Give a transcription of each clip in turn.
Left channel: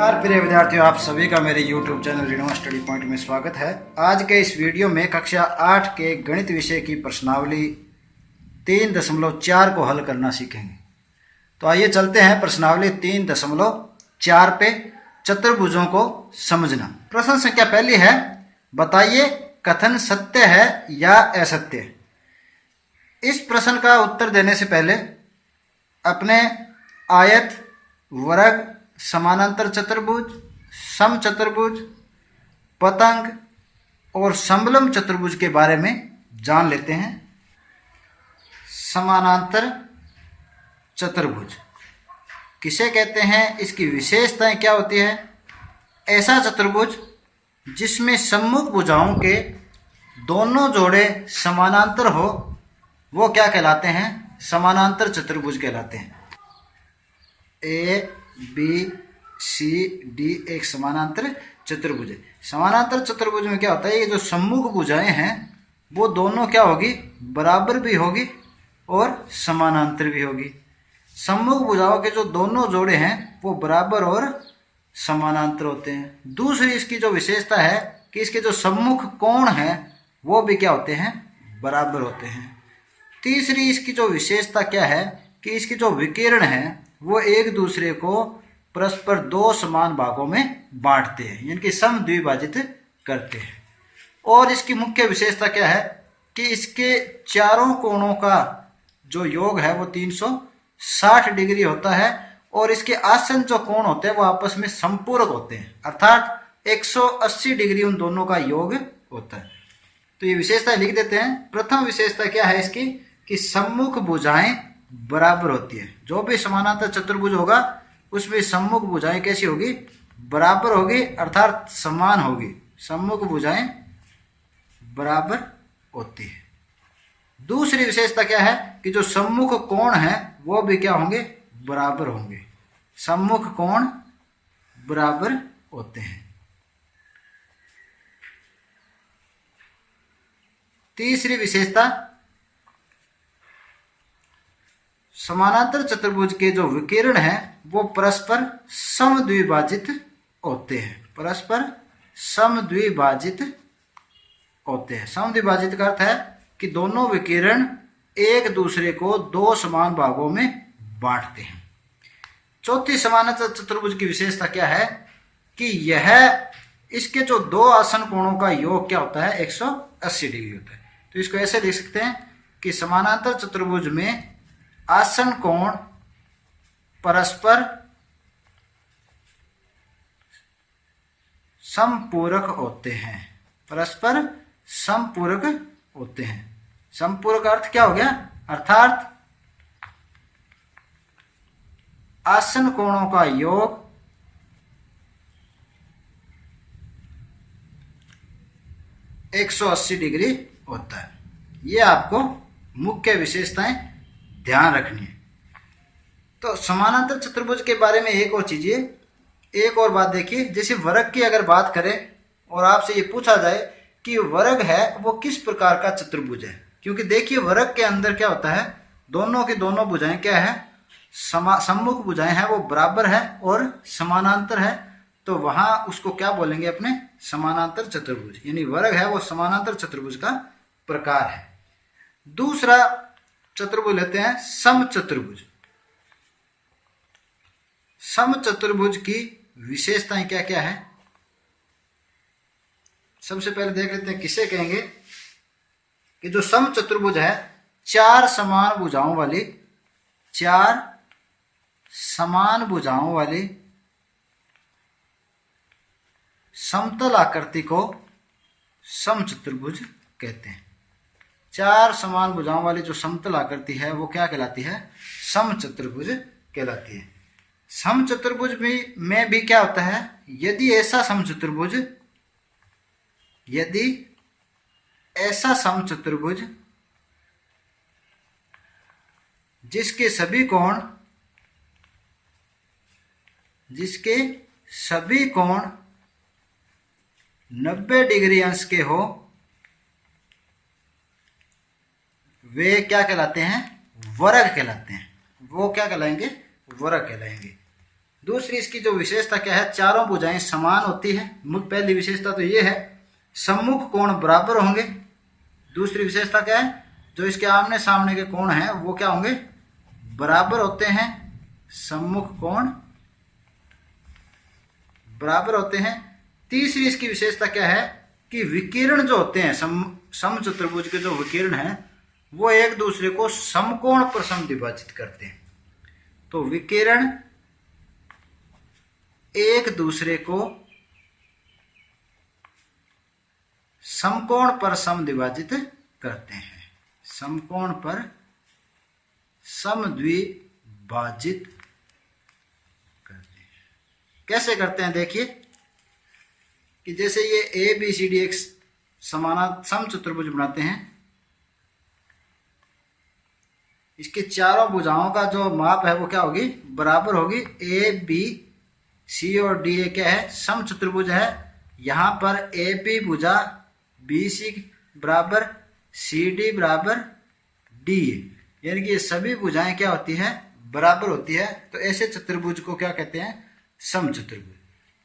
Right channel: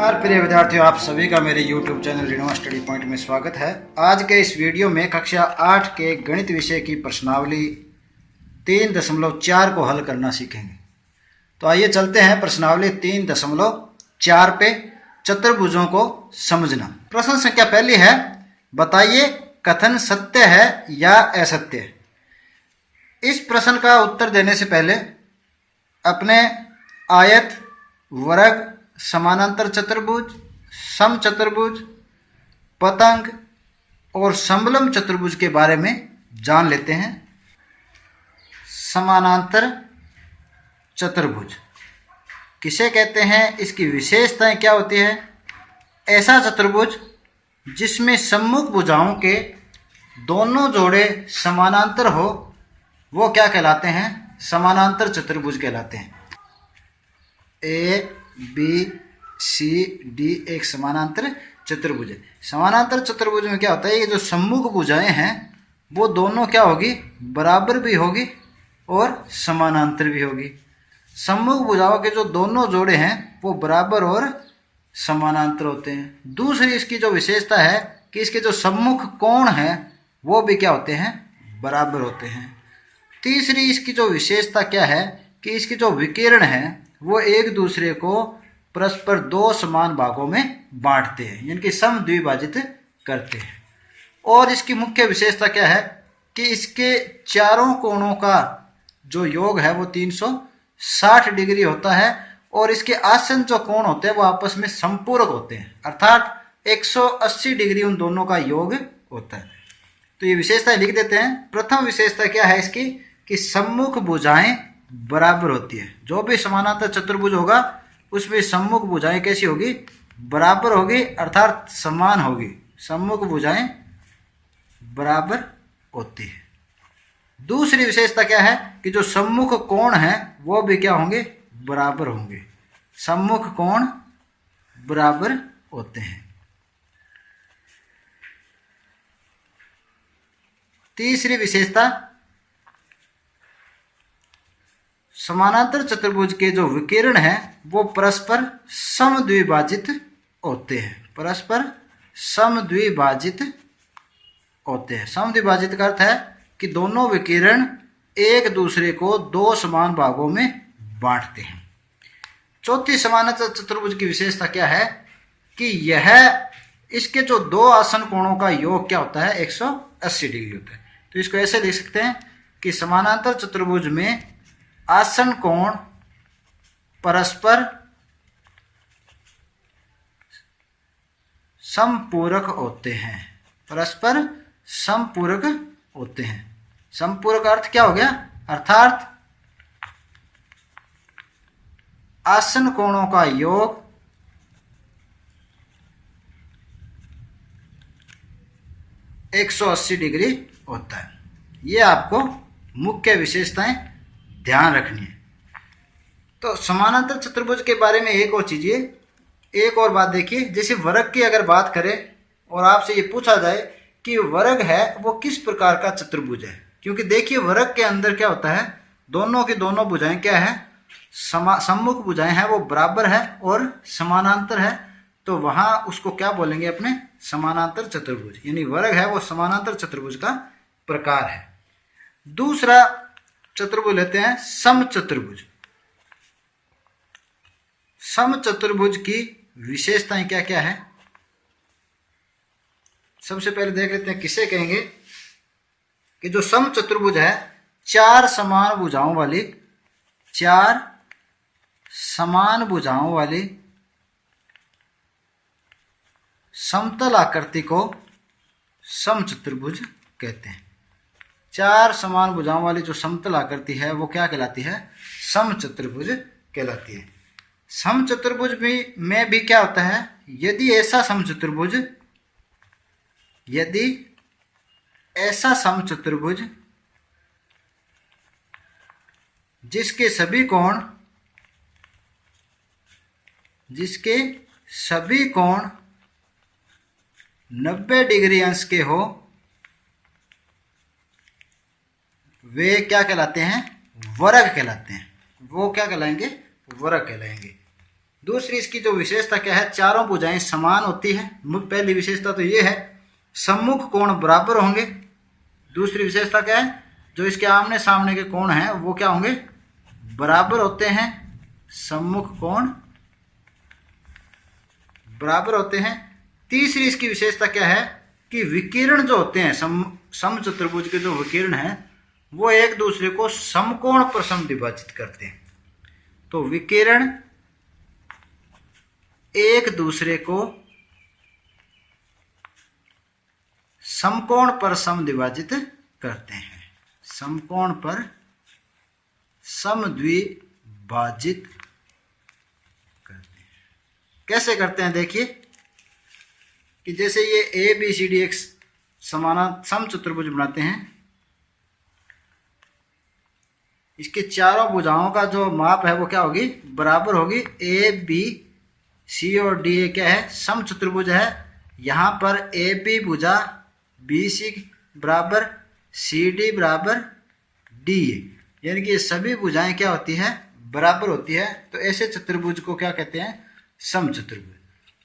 नमस्कार प्रिय विद्यार्थियों, आप सभी का मेरे YouTube चैनल रीडमा स्टडी पॉइंट में स्वागत है। आज के इस वीडियो में कक्षा 8 के गणित विषय की प्रश्नावली 3.4 को हल करना सीखेंगे। तो आइए चलते हैं प्रश्नावली 3.4 पे, चतुर्भुजों को समझना। प्रश्न संख्या पहली है, बताइए कथन सत्य है या असत्य है। इस प्रश्न का उत्तर देने से पहले अपने आयत, वर्ग, समानांतर चतुर्भुज, समचतुर्भुज, पतंग और समलंब चतुर्भुज के बारे में जान लेते हैं। समानांतर चतुर्भुज किसे कहते हैं, इसकी विशेषताएं क्या होती है। ऐसा चतुर्भुज जिसमें सम्मुख भुजाओं के दोनों जोड़े समानांतर हो, वो क्या कहलाते हैं, समानांतर चतुर्भुज कहलाते हैं। ए बी सी डी एक समानांतर चतुर्भुज है। समानांतर चतुर्भुज में क्या होता है, ये जो सम्मुख भुजाएं हैं वो दोनों क्या होगी, बराबर भी होगी और समानांतर भी होगी। सम्मुख भुजाओं के जो दोनों जोड़े हैं वो बराबर और समानांतर होते हैं। दूसरी इसकी जो विशेषता है कि इसके जो सम्मुख कोण हैं वो भी क्या होते हैं, बराबर होते हैं। तीसरी इसकी जो विशेषता क्या है कि इसके जो विकिरण है वो एक दूसरे को परस्पर दो समान भागों में बांटते हैं, यानी समद्विभाजित करते हैं। और इसकी मुख्य विशेषता क्या है कि इसके चारों कोणों का जो योग है वो 360 डिग्री होता है और इसके आसन जो कोण होते हैं वो आपस में संपूरक होते हैं, अर्थात 180 डिग्री उन दोनों का योग होता है। तो ये विशेषता लिख देते हैं। प्रथम विशेषता क्या है इसकी कि सम्मुख भुजाएं बराबर होती है। जो भी समानांतर चतुर्भुज होगा उसमें सम्मुख भुजाएं कैसी होगी, बराबर होगी, अर्थात समान होगी। सम्मुख भुजाएं बराबर होती है। दूसरी विशेषता क्या है कि जो सम्मुख कोण है वो भी क्या होंगे, बराबर होंगे। सम्मुख कोण बराबर होते हैं। तीसरी विशेषता, समानांतर चतुर्भुज के जो विकिरण है वो परस्पर समद्विभाजित होते हैं। परस्पर समद्विभाजित होते हैं। समद्विभाजित का अर्थ है कि दोनों विकिरण एक दूसरे को दो समान भागों में बांटते हैं। चौथी समानांतर चतुर्भुज की विशेषता क्या है कि यह इसके जो दो आसन कोणों का योग क्या होता है, 180 डिग्री होता है। तो इसको ऐसे लिख सकते हैं कि समानांतर चतुर्भुज में आसन कोण परस्पर समपूरक होते हैं। परस्पर समपूरक होते हैं। समपूरक अर्थ क्या हो गया, अर्थात आसन कोणों का योग एक 180 डिग्री होता है। ये आपको मुख्य विशेषताएं ध्यान रखनी है। तो समानांतर चतुर्भुज के बारे में एक और चीज, एक और बात देखिए, जैसे वर्ग की अगर बात करें और आपसे ये पूछा जाए कि वर्ग है वो किस प्रकार का चतुर्भुज है, क्योंकि देखिए वर्ग के अंदर क्या होता है, दोनों की दोनों भुजाएं क्या है, सम्मुख भुजाएं हैं वो बराबर है और समानांतर है। तो वहां उसको क्या बोलेंगे, अपने समानांतर चतुर्भुज, यानी वर्ग है वो समानांतर चतुर्भुज का प्रकार है। दूसरा चतुर्भुज लेते हैं समचतुर्भुज। समचतुर्भुज की विशेषताएं क्या क्या है, सबसे पहले देख लेते हैं किसे कहेंगे कि जो समचतुर्भुज है, चार समान भुजाओं वाली समतल आकृति को समचतुर्भुज कहते हैं। चार समान भुजाओं वाली जो समतल आकृति है वो क्या कहलाती है, समचतुर्भुज कहलाती है। समचतुर्भुज में भी क्या होता है, यदि ऐसा समचतुर्भुज जिसके सभी कोण 90 डिग्री अंश के हो, वे क्या कहलाते हैं, वर्ग कहलाते हैं। वो क्या कहलाएंगे, वर्ग कहलाएंगे। दूसरी इसकी जो विशेषता क्या है, चारों भुजाएं समान होती है। पहली विशेषता तो ये है, सम्मुख कोण बराबर होंगे। दूसरी विशेषता क्या है, जो इसके आमने सामने के कोण हैं वो क्या होंगे, बराबर होते हैं। सम्मुख कोण बराबर होते हैं। तीसरी इसकी विशेषता क्या है कि विकिरण जो होते हैं समचतुर्भुज के जो विकिरण हैं वो एक दूसरे को समकोण पर समद्विभाजित करते हैं। तो विकिरण एक दूसरे को समकोण पर समद्विभाजित करते हैं। समकोण पर समद्विभाजित करते हैं। कैसे करते हैं, देखिए कि जैसे ये ए बी सी डी एक समचतुर्भुज बनाते हैं, इसके चारों भुजाओं का जो माप है वो क्या होगी, बराबर होगी। ए बी सी और डी क्या है, समचतुर्भुज है। यहाँ पर ए बी भुजा बी सी बराबर सी डी बराबर डी, यानी कि ये सभी भुजाएं क्या होती हैं, बराबर होती है। तो ऐसे चतुर्भुज को क्या कहते हैं, समचतुर्भुज।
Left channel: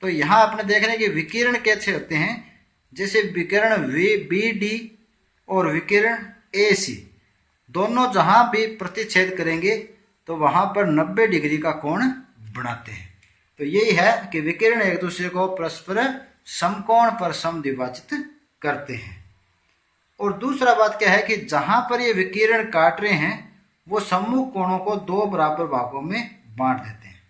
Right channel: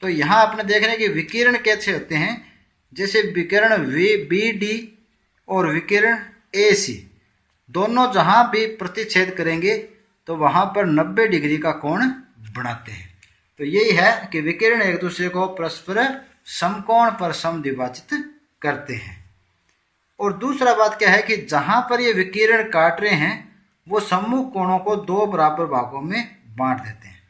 तो यहाँ आपने देख रहे हैं कि विकिरण कैसे होते हैं, जैसे विकिरण बी डी और विकिरण ए सी दोनों जहां भी प्रतिच्छेद करेंगे तो वहां पर 90 डिग्री का कोण बनाते हैं। तो यही है कि विकिरण एक दूसरे को परस्पर समकोण पर समद्विभाजित करते हैं। और दूसरा बात क्या है कि जहां पर ये विकिरण काट रहे हैं वो सम्मुख कोणों को दो बराबर भागों में बांट देते हैं।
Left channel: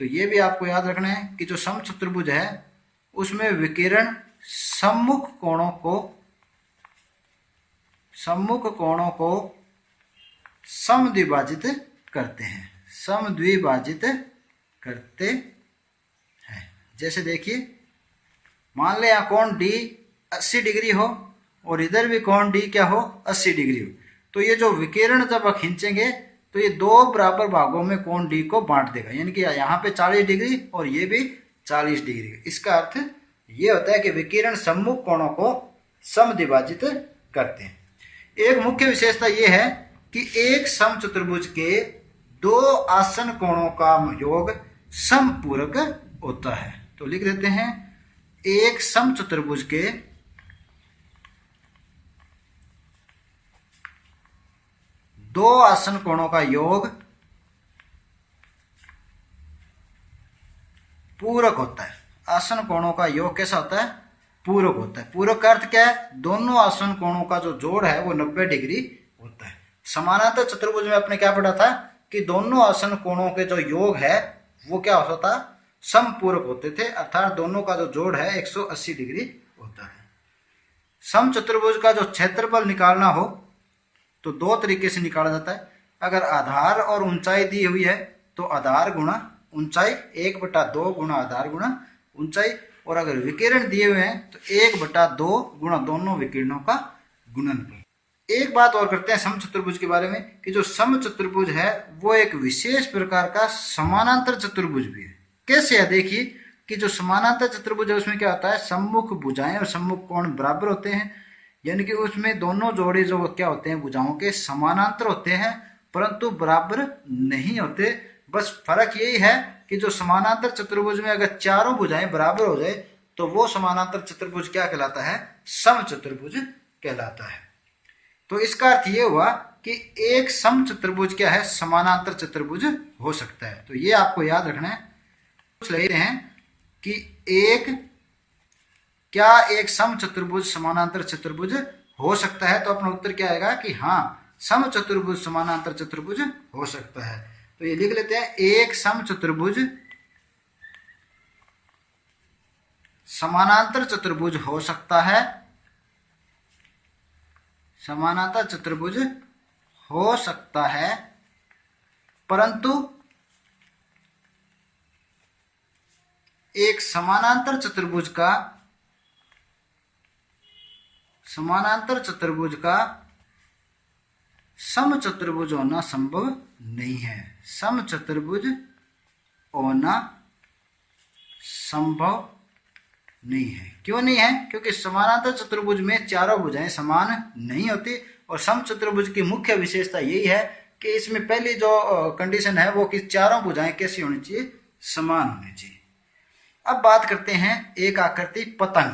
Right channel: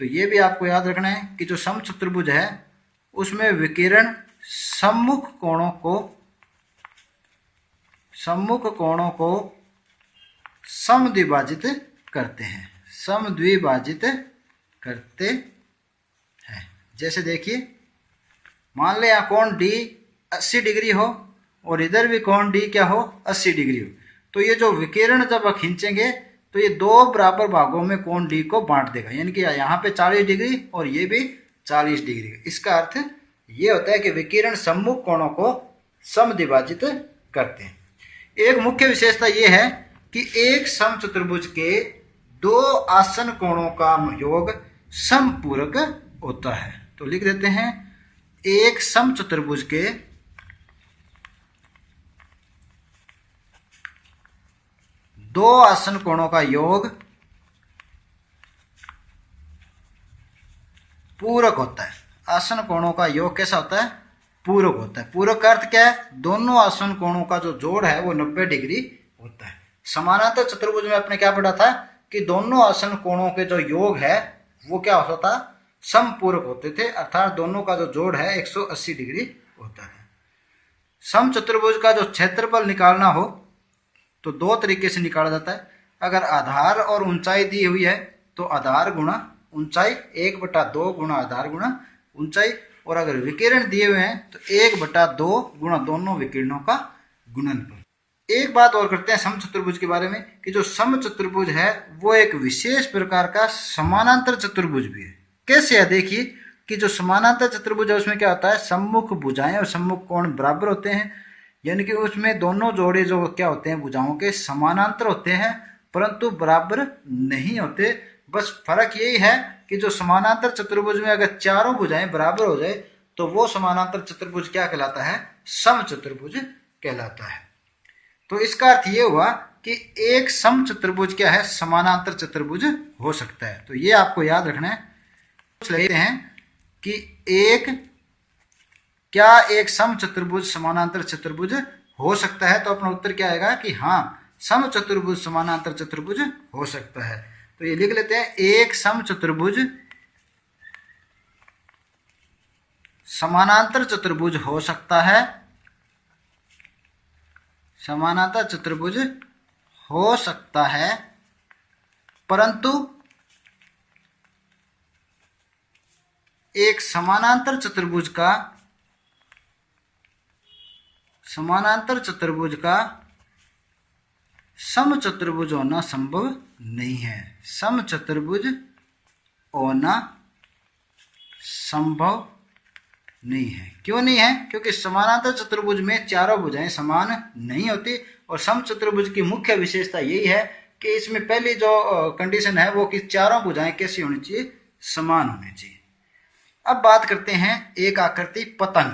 तो ये भी आपको याद रखना है कि जो समचतुर्भुज है उसमें विकिरण सम्मुख कोणों को समद्विभाजित करते हैं। समद्विभाजित करते हैं। जैसे देखिए, मान ले यहाँ कोण डी 80 डिग्री हो और इधर भी कोण डी क्या हो, 80 डिग्री हो। तो ये जो विकिरण जब खींचेंगे तो ये दो बराबर भागों में कोण डी को बांट देगा, यानी कि यहाँ पे 40 डिग्री और ये भी 40 डिग्री। इसका अर्थ ये होता है कि विकिरण सम्मुख कोणों को समद्विभाजित करते हैं। एक मुख्य विशेषता ये है कि एक समचतुर्भुज के दो आसन कोणों का योग समपूरक होता है। तो लिख देते हैं, एक समचतुर्भुज के दो आसन कोणों का योग पूरक होता है। आसन कोणों का योग कैसा होता है, पूरक होता है। पूरक का अर्थ क्या है, दोनों आसन कोणों का जो जोड़ है वो 90 डिग्री होता है। समानांतर चतुर्भुज में आपने क्या पढ़ा था कि दोनों आसन कोणों के जो योग है वो क्या होता था, समपूरक होते थे, अर्थात दोनों का जो जोड़ है 180 डिग्री होता है। समचतुर्भुज का जो क्षेत्रफल निकालना हो तो दो तरीके से निकाला जाता है। अगर आधार और ऊंचाई दी हुई है तो आधार गुणा ऊंचाई 1/2 गुणा आधार गुणा ऊंचाई, और अगर विकिरण दिए हुए हैं तो 1/2 गुणा दोनों विकिरणों का गुणनफल। एक बात और करते हैं समचतुर्भुज के बारे में कि जो समचतुर्भुज है वो एक विशेष प्रकार का समानांतर चतुर्भुज भी है। कैसे है, देखिए कि जो समानांतर चतुर्भुज है उसमें क्या होता है, सम्मुख भुजाएं और सम्मुख कोण बराबर होते हैं, यानी कि उसमें दोनों जोड़े जो क्या होते हैं भुजाओं के समानांतर होते हैं परंतु बराबर नहीं होते। बस फर्क यही है कि जो समानांतर चतुर्भुज में अगर चारों भुजाएं बराबर हो जाए तो वो समानांतर चतुर्भुज क्या कहलाता है, समचतुर्भुज कहलाता है। तो इसका अर्थ ये हुआ कि एक समचतुर्भुज क्या है, समानांतर चतुर्भुज हो सकता है। तो ये आपको याद रखना है। कुछ लेते हैं कि एक समचतुर्भुज समानांतर चतुर्भुज हो सकता है, तो अपना उत्तर क्या आएगा कि हाँ, समचतुर्भुज समानांतर चतुर्भुज हो सकता है। तो ये लिख लेते हैं, एक समचतुर्भुज समानांतर चतुर्भुज हो सकता है, समानांतर चतुर्भुज हो सकता है, परंतु एक समानांतर चतुर्भुज का समचतुर्भुज होना संभव नहीं है। समचतुर्भुज होना संभव नहीं है। क्यों नहीं है, क्योंकि समानांतर चतुर्भुज में चारों भुजाएं समान नहीं होती, और समचतुर्भुज की मुख्य विशेषता यही है कि इसमें पहली जो कंडीशन है वो कि चारों भुजाएं कैसी होनी चाहिए, समान होने चाहिए। अब बात करते हैं एक आकृति पतंग।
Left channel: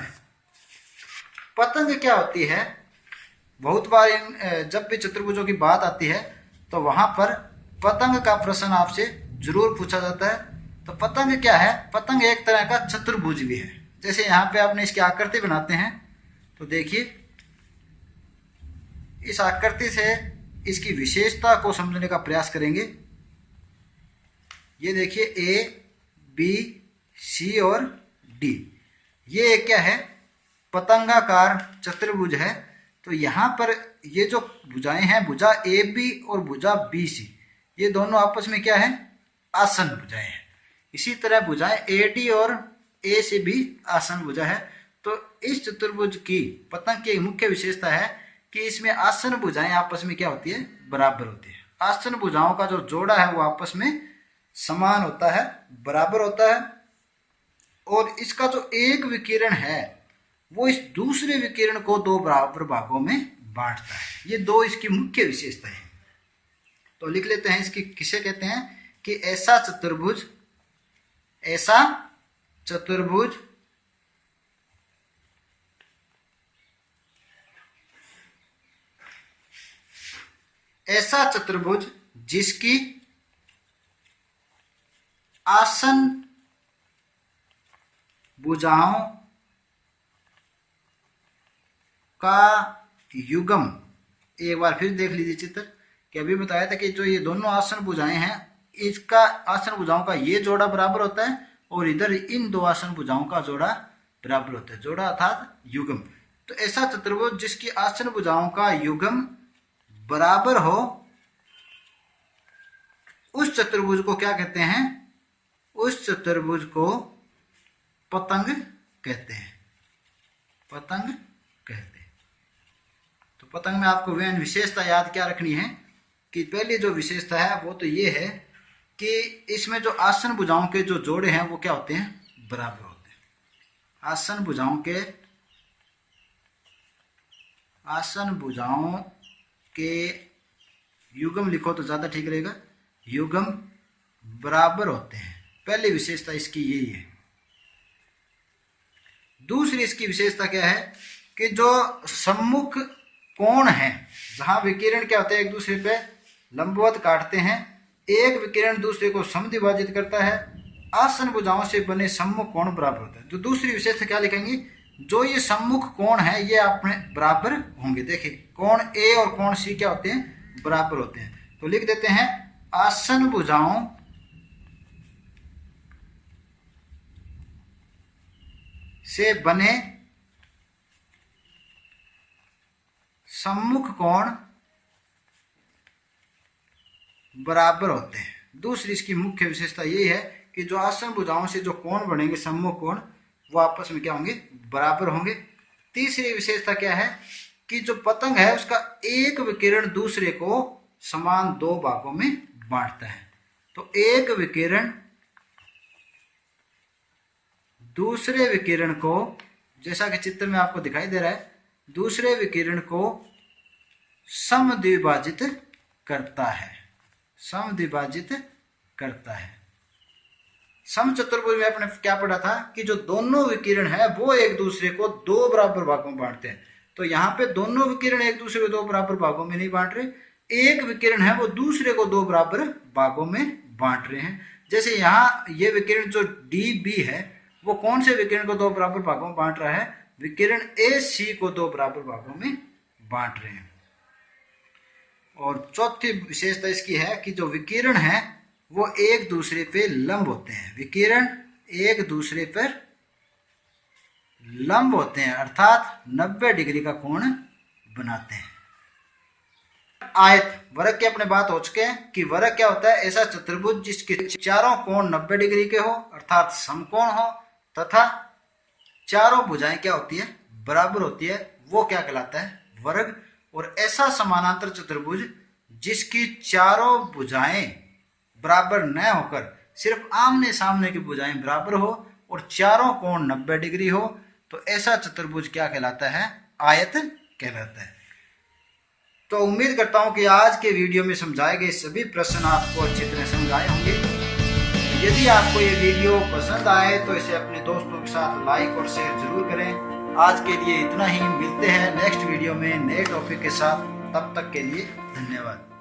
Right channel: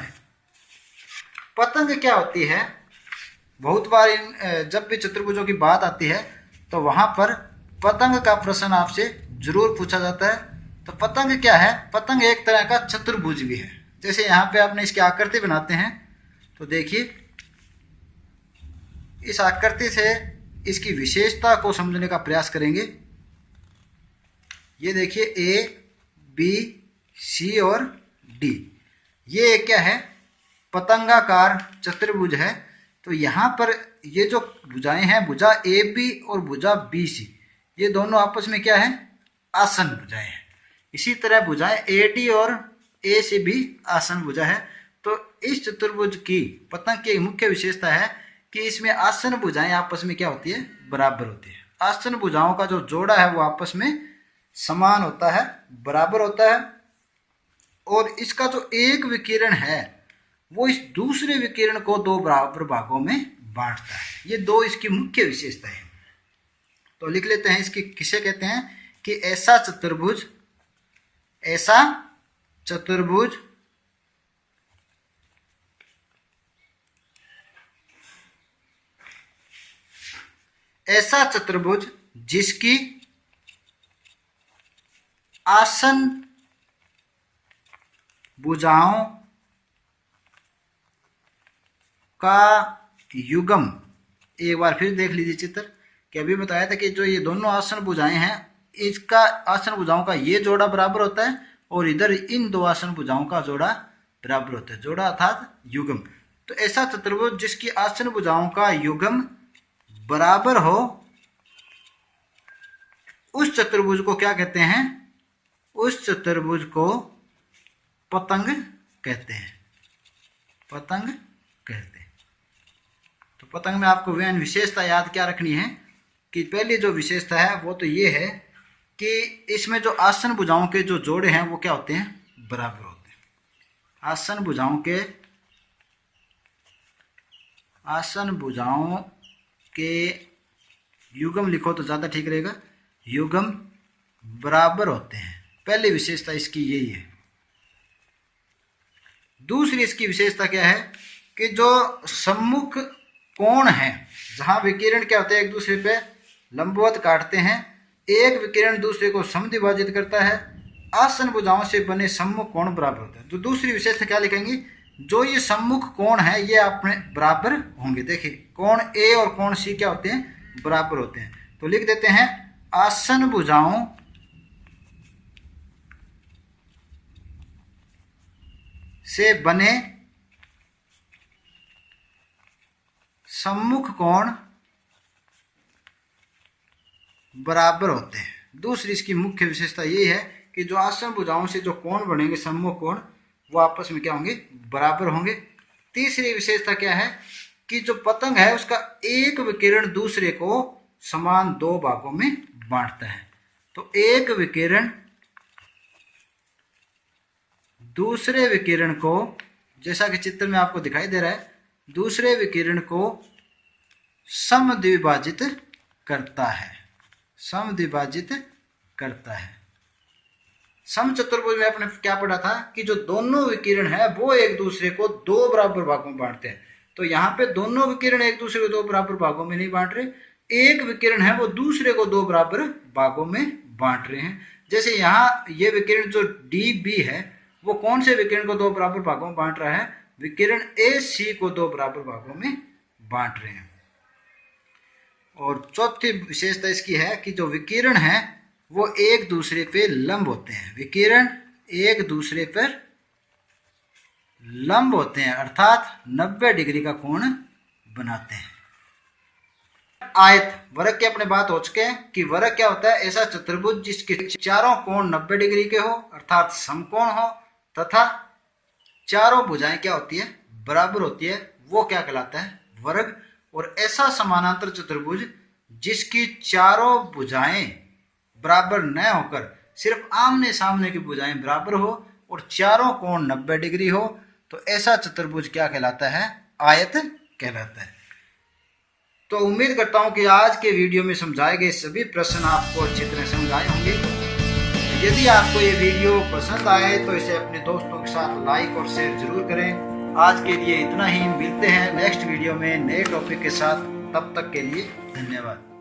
पतंग क्या होती है? बहुत बार जब भी चतुर्भुजों की बात आती है तो वहां पर पतंग का प्रश्न आपसे जरूर पूछा जाता है। तो पतंग क्या है? पतंग एक तरह का चतुर्भुज भी है। जैसे यहाँ पे आपने इसकी आकृति बनाते हैं तो देखिए, इस आकृति से इसकी विशेषता को समझने का प्रयास करेंगे। ये देखिए ए, बी, सी और डी, ये क्या है? पतंगाकार चतुर्भुज है। तो यहाँ पर ये जो भुजाएं हैं, भुजा ए बी और भुजा बी सी, ये दोनों आपस में क्या है? आसन भुजाएं हैं। इसी तरह भुजाएं ए डी और ए से भी आसन भुजा है। तो इस चतुर्भुज की पतंग की मुख्य विशेषता है कि इसमें आसन भुजाएं आपस में क्या होती है? बराबर होती है। आसन भुजाओं का जो जोड़ा है वो आपस में समान होता है, बराबर होता है। और इसका जो एक विकिरण है वो इस दूसरे विकिरण को दो बराबर भागों में बांटता है। ये दो इसकी मुख्य विशेषताएं हैं। तो लिख लेते हैं इसकी किसे कहते हैं कि ऐसा चतुर्भुज ऐसा चतुर्भुज जिसकी आसन भुजाओं का युग्म, एक बार फिर देख लीजिए चित्र कि अभी बताया था कि जो ये दोनों आसन भुजाएं हैं, इसका आसन भुजाओं का ये जोड़ा बराबर होता है और इधर इन दो आसन भुजाओं का जोड़ा बराबर होता है। जोड़ा अर्थात युग्म। तो ऐसा चतुर्भुज जिसकी आसन भुजाओं का युग्म बराबर हो, उस चतुर्भुज को क्या कहते हैं? उस चतुर्भुज को पतंग कहते हैं। पतंग कहते हैं। तो पतंग में आपको वह विशेषता याद क्या रखनी है कि पहली जो विशेषता है वो तो ये है कि इसमें जो आसन भुजाओं के जो जोड़े हैं वो क्या होते हैं? बराबर होते हैं। आसन भुजाओं के युग्म लिखो तो ज्यादा ठीक रहेगा, युग्म बराबर होते हैं। पहली विशेषता इसकी यही है। दूसरी इसकी विशेषता क्या है कि जो सम्मुख कोण है, जहां विकिरण क्या होता है? एक दूसरे पे लंबवत काटते हैं, एक विकिरण दूसरे को समद्विभाजित करता है। आसन भुजाओं से बने सम्मुख कोण बराबर होते हैं। तो दूसरी विशेषता क्या लिखेंगे? जो ये सम्मुख कोण है ये अपने बराबर होंगे। देखिए कोण ए और कोण सी क्या होते हैं? बराबर होते हैं। तो लिख देते हैं आसन भुजाओं से बने सम्मुख कोण बराबर होते हैं। दूसरी इसकी मुख्य विशेषता ये है कि जो आसन भुजाओं से जो कोण बनेंगे, सम्मुख कोण, वो आपस में क्या होंगे? बराबर होंगे। तीसरी विशेषता क्या है कि जो पतंग है उसका एक विकिरण दूसरे को समान दो भागों में बांटता है। तो एक विकिरण दूसरे विकिरण को, जैसा कि चित्र में आपको दिखाई दे रहा है, दूसरे विकिरण को समद्विभाजित करता है। समद्विभाजित करता है। समचतुर्भुज में आपने क्या पढ़ा था कि जो दोनों विकिरण है वो एक दूसरे को दो बराबर भागों में बांटते हैं। तो यहाँ पे दोनों विकिरण एक दूसरे को दो बराबर भागों में नहीं बांट रहे, एक विकिरण है वो दूसरे को दो बराबर भागों में बांट रहे हैं। जैसे यहाँ ये विकिरण जो डी बी है वो कौन से विकिरण को दो बराबर भागों में बांट रहा है? विकिरण ए सी को दो बराबर भागों में बांट रहे हैं। और चौथी विशेषता इसकी है कि जो विकिरण है वो एक दूसरे पे लंब होते हैं। विकिरण एक दूसरे पर लंब होते हैं, अर्थात 90 डिग्री का कोण बनाते हैं। आयत वर्ग की अपने बात हो चुके हैं कि वर्ग क्या होता है? ऐसा चतुर्भुज जिसके चारों कोण 90 डिग्री के हो, अर्थात समकोण हो, तथा चारों भुजाएं क्या होती है? बराबर होती है, वो क्या कहलाता है? वर्ग। और ऐसा समानांतर चतुर्भुज जिसकी चारों भुजाएं बराबर न होकर सिर्फ आमने सामने की भुजाएं बराबर हो और चारों कोण 90 डिग्री हो, तो ऐसा चतुर्भुज क्या कहलाता है? आयत कहलाता है। तो उम्मीद करता हूं कि आज के वीडियो में समझाए गए सभी प्रश्न आपको अच्छी तरह समझ आए होंगे। यदि आपको ये वीडियो पसंद आए तो इसे अपने दोस्तों के साथ लाइक और शेयर जरूर करें। आज के लिए इतना ही, मिलते हैं नेक्स्ट वीडियो में नए टॉपिक के साथ। तब तक के लिए धन्यवाद।